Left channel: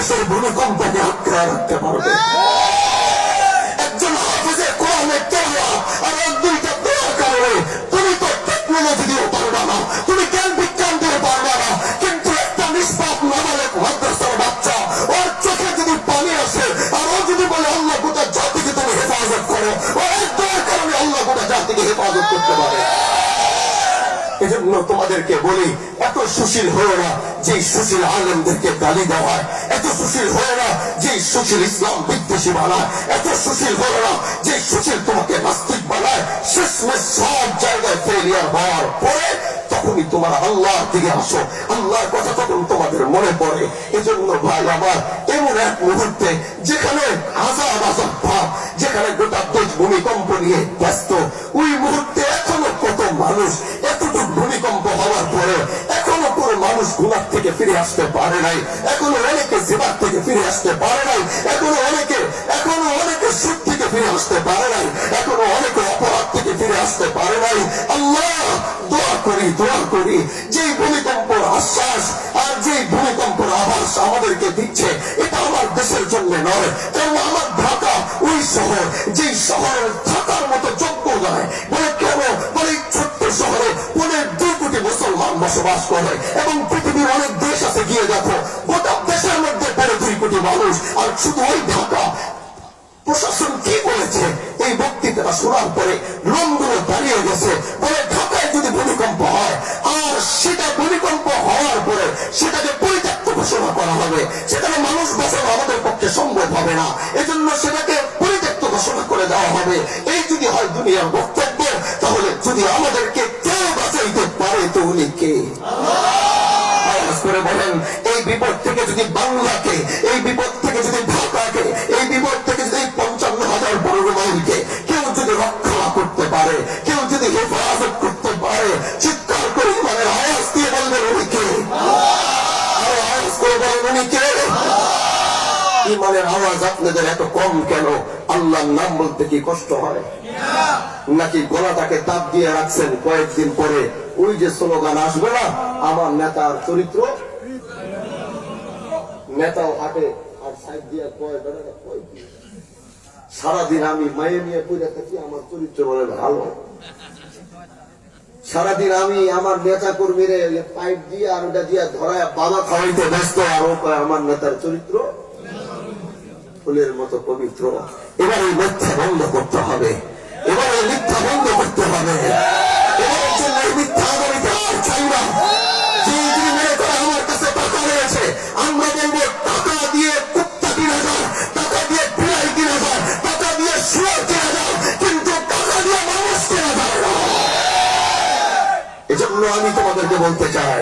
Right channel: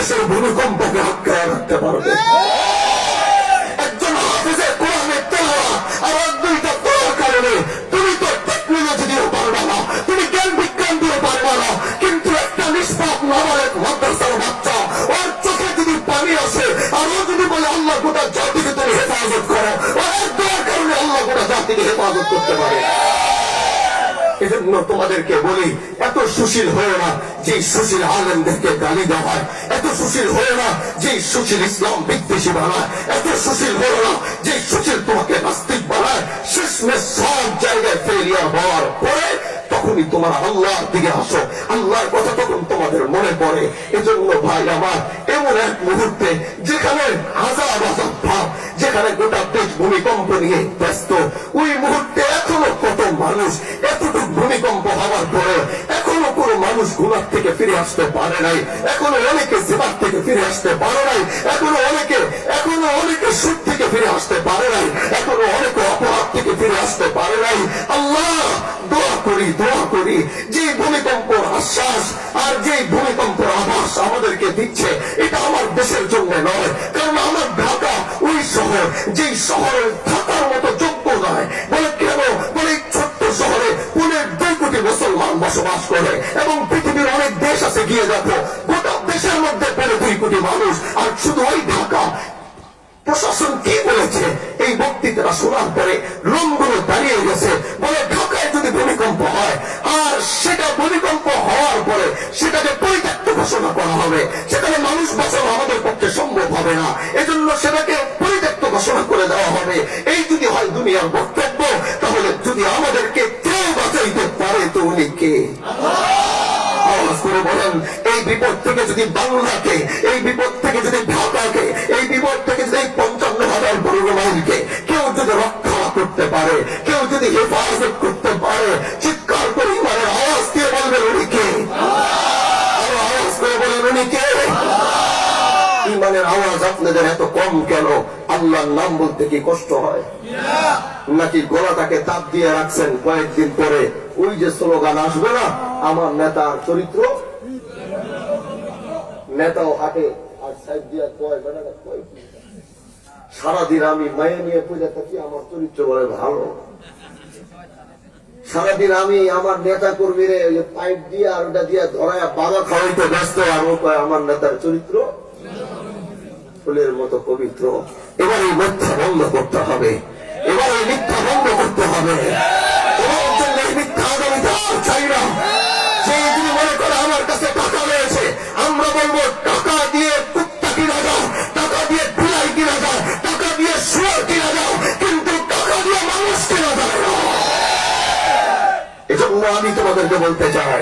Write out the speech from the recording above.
দেশের ভূমিকম্পকে আটকায় রাখতে পারবে। একজন হাফিজে কোরআনের তেলাওয়াত আর এক দুইটা দোয়ার কারণে তুমি তো টেকনোলজি দিয়েও পারবা না, তুমি জ্ঞান বিজ্ঞান দিয়েও পারবা না, কিন্তু একটা নিষ্পাপ নাবালক মাদ্রাসার বাচ্চা, ওর চোখে যদি পানি আসে আর ও যদি বলে আল্লাহ গোটা জাতিকে তুমি হেফাজত করো, ও এক দোয়ার কারণে আল্লাহ গোটা জাতিকে হেফাজত করতে পারে। এজন্য তোমাদেরকে বলি, এত সুশীল হয়ে না যে সুশীল আলেমদেরকে গালি দেওয়া হয়, এত সুশীল হয়ে না যে সুশীল ইসলাম বিদ্বেষী বানায়, এত সুশীল হয়ে না যে সুশীল তোমাকে নাস্তিক বানায়। শেষমেশ সব জায়গায় ফেলিয়ার হওয়ার পরে তখনই তোমার আল্লাহর দিকে আসো, আল্লাহর কথা তখন তোমাদের মনে পড়ে। এজন্য ভাই আমার, এমন এক মুহূর্তে যেখানে আযাব আযাব ভাব, যেখানে গোটা দেশ ভূমিকম্প নিয়ে ব্যস্ত, ওই মুহূর্তে এখনো কত মানুষ, এতটুকু ভূমিকম্প হওয়ার পরে এখনো কোনো মানুষ গুনাহ থেকে ফিরে আসতে পারে নাই, এখনো অনেকে জিনাহ থেকে ফিরে আসতে পারে নাই, এখনো অনেকে সুদ থেকে ফিরে আসতে পারে নাই, এখনো অনেকে অপরাধ থেকে ফিরে আসতে পারে নাই। আল্লাহ, দোয়া করি যে ভূমিকম্পর আশ্বাস আর যে ভূমিকম্পর আভাস আমাদেরকে দিচ্ছে, এটা আমার দেশের জন্য নয়, কারণ আমার ঢাকা ওই শহর, যেই শহরে থাকার মতো যোগ্য নয়। বলে কেন? বলে ছোট্ট শহরে 2 কোটি মুসলমান বসবাস করে, এবং পৃথিবীর অনেক দেশ আছে, গিয়ে দেখো গোটা দেশের মধ্যে 2 কোটি মানুষ, আর শুধু ওই ঢাকা। প্রশাসন কি বলেছে এই বক্তৃতাটা শোনার পরে লোমগুলো দাঁড়িয়ে গেছে। বলে ঢাকায় যদি ভূমিকম্প হয় আর সেটা ভূমিকম্প হওয়ার পরে সেটাকে পরিত্যক্ত ঘোষণা করা হবে, সেখানে মানুষ বাঁচানো আমাদের পক্ষে সম্ভব হবে না, এজন্য সেটাকে পরিত্যক্ত ঘোষণা করে দেওয়া হবে। এই যদি হয় দুনিয়ার বক্তব্য, তাহলে যদি আমাদেরকে কেউ বাঁচাইতে পারে তো উনি কে? আওয়াজ করে বলেন, এই বিপদ থেকে যদি বাংলাকে, এই বিপদ থেকে যদি ঢাকাকে, এই বিপদ থেকে যদি 55,000 বর্গ মাইলকে কেউ যদি রক্ষা করতে পারে, কেউ যদি হেফাজত করতে পারে, চিৎকার করে ইমানের আওয়াজ দিয়ে বলবেন উনি কে? আর আওয়াজ করে বলেন উনি কে? ইমানের আওয়াজ আপনাদের এত কম কেন? আল্লাহর নাম বলতে কি কষ্ট হয় নাকি? গলাটাকে তাপ দিয়ে রাখছেন, কয়েকদিন পরে ওই যে স্লোগান আসবে না, আমার নেতার চরিত্র, নেতাও হাঁটে আর সাইড দিয়া কয় বেটাটা কয় কি, সারাদিন আমি মায়ে নিয়ে পূজা থাকি, আমার চরিত্র বলে ভালো। সারাদিন আমি আমার নেতা কর্মীরে পাইপ দিয়ে আর ওটা দিয়ে ধরায় বাবা খাওয়াইতে ব্যস্ত, আর ও কয় আমার নেতার চরিত্র ফুলের মতো পবিত্র। এবার এই মিথ্যা বন্ধ করতে হবে, এবার এই মিথ্যা বন্ধ করতে হবে। এবার জন্য এই মিথ্যা আগামীতে চাই না। যে যদি মনে করে আমার কাছে টাকা রয়েছে, আমরা বলবো টাকা দিয়ে কুত্তা কিনা যায়, টাকা দিয়ে বিড়াল কিনা যায়, টাকা দিয়ে শুয়োর কিনা যায়, কিন্তু টাকা দিয়ে মানুষ কিনা যায় না। এজন্য আমি তোমাদেরকে বলতে চাই,